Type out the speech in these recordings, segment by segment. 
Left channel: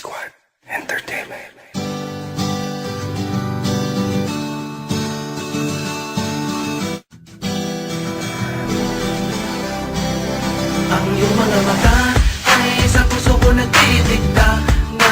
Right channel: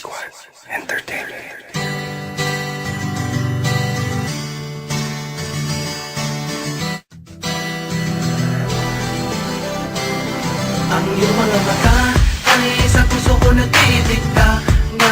Squad Entertainment. Ang iyong mga mata ay sa puso ko nagtitikta na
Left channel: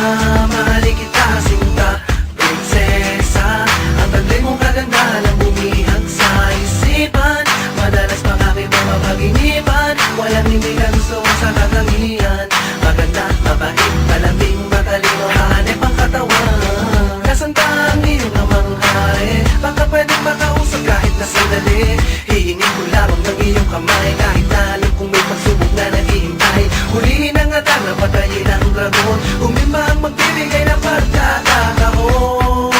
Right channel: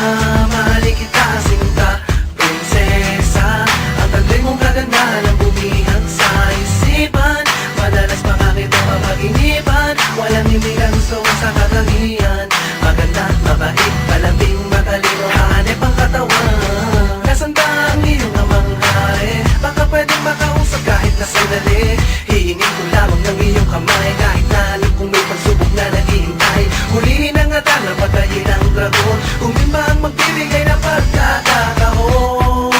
mahalin kita sinta, prinsesa. Ang taglay mong kagandahan ang bumihag sa isipan. Madalas pa nga kitang mapaginipan. Walang hindi ka gusto ko sa katangian. Maganda, mabait, malambing, matalino, hanep ang katawan. Nasaan ba ang iyong namang hari? Baka pwedeng makausap kahit na sandali. Hihingin ko lamang ng iyong kamay kahit na alam kong may pagsubok na naghihintay. Hulihin ang atar na patayin ang dragon. Kung di ba ang magbibigay ng pagkakataon.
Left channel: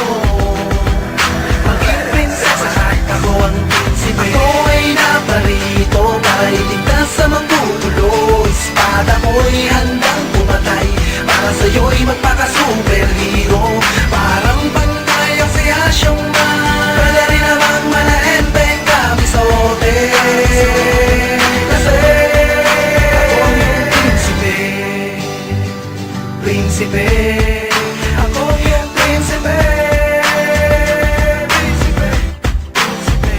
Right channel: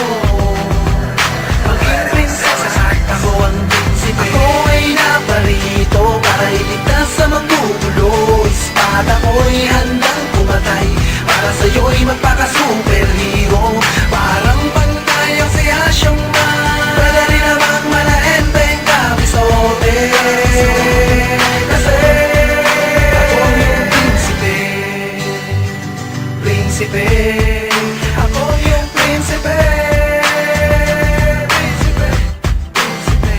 Maging prinsesa at ako ang prinsipe. Ako ay naparito para iligtas sa manggugulo. Espada ko'y handang pumatay para sa'yo'y magpaka-superhero. Parang pantay ang si Asyong Man. Pwede rin namang malaenteng kabisote. Kasi ako ang iyong prinsipe. Prinsipe. Ako ang iyong prinsipe. Prinsipe. Prinsipe.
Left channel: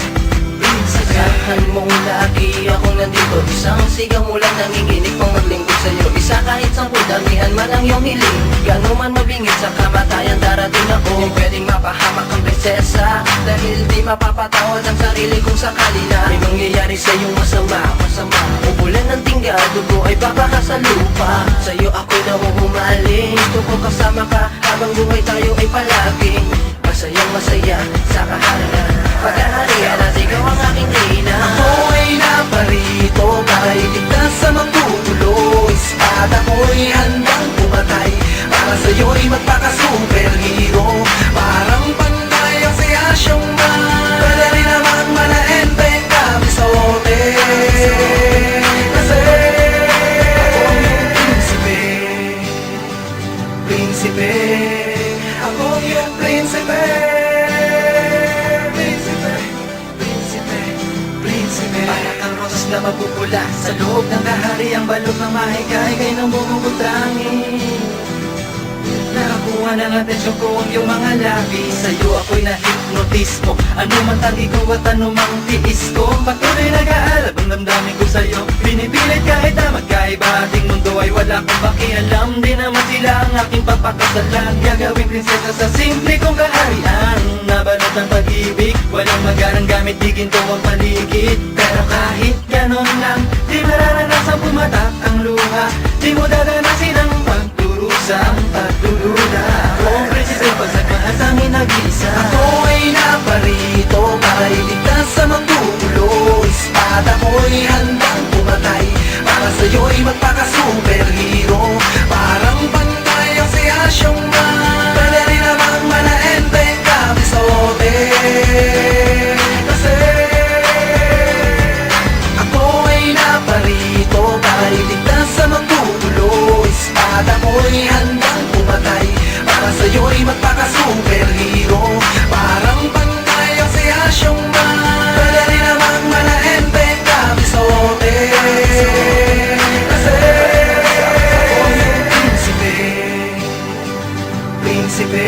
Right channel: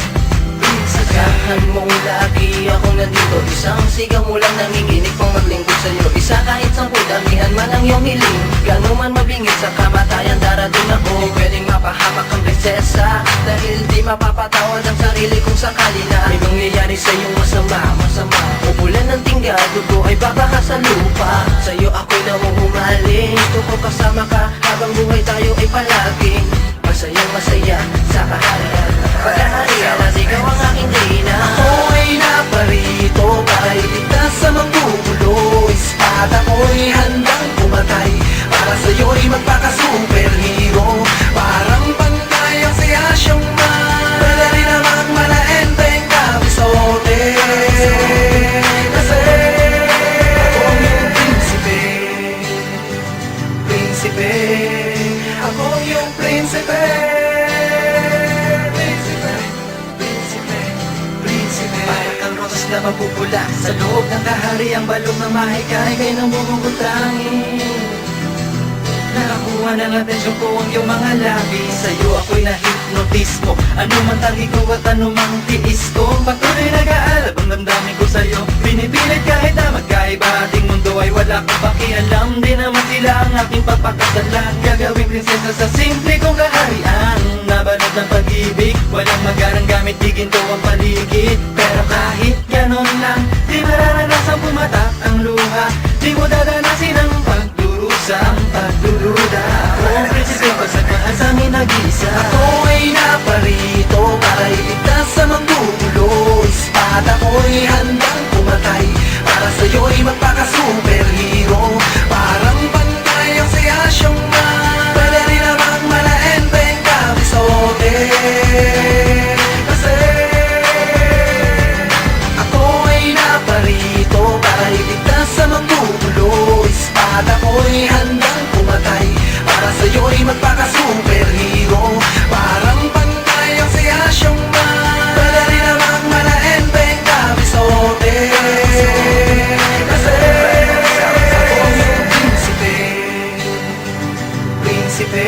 Prinsipe. Asahan mong lagi akong nandito. Isang sigaw mo lang nanginginig pang maglingkod sa'yo. Isa kahit 10 damihan man ang iyong hiling. Gano'n man mabingit sa kamatayan darating ako. Di pwedeng mapahamak ang prinsesa dahil di mapapatawad ang sarili kung sakali na may mangyayari sa iyong masama. Ubulan ng tingga, dugo ay babaha sa lupa. Sa'yo ako'y nahuhumaling. Gusto ko kasama ka habang buhay tayo ay palaging masayang masaya sa kaharian. Paghaharian at ikaw ang aking reyna. Ako ay naparito para iligtas sa manggugulo. Espada ko'y handang pumatay para sa'yo'y magpaka-superhero. Parang pantay ang si Asyong Man. Pwede rin namang malaenteng kabisote. Kasi ako ang iyong prinsipe. Prinsipe. Ako ang iyong prinsipe. Prinsipe. Prinsipe. Prinsipe. Para kang rosas na mapupula sa loob ng kahariang balot ng mahikay kay nang bumubutangin. Nakakuha ng atensyon ko ang iyong mga labi. Sa'yo ako'y na-hypnotismo. Ano man tangi ko at ano mang tiis ko. Patuloy nag-aalab ang damdamin ko sa'yo. Pinipilit kahit na magkaiba ating mundo ay wala kong pakialam. Di naman sila ang aking pagpakasalan. Gagawing prinsesa sa simple kong kaharian. Nabalot ng pag-ibig, walang magarang gamit, di ginto ang paligid. Pero kahit ganon lang, di mararanasan pumatak ang luha. Di mo dadanasin ang pagdurusang pagdududa. Ako ang prinsipe, pagsagmahal sa amin nag-iisa. Ako ay naparito para iligtas sa manggugulo. Espada ko'y handang pumatay para sa'yo'y magpaka-superhero. Parang pantay ang si Asyong Man. Pwede rin namang malaenteng kabisote. Kasi ako ay naparito para iligtas sa manggugulo. Espada ko'y handang pumatay para sa'yo'y magpaka-superhero. Parang pantay ang si Asyong Man. Pwede rin namang malaenteng kabisote. Kasi ako ang iyong prinsipe. Prinsipe.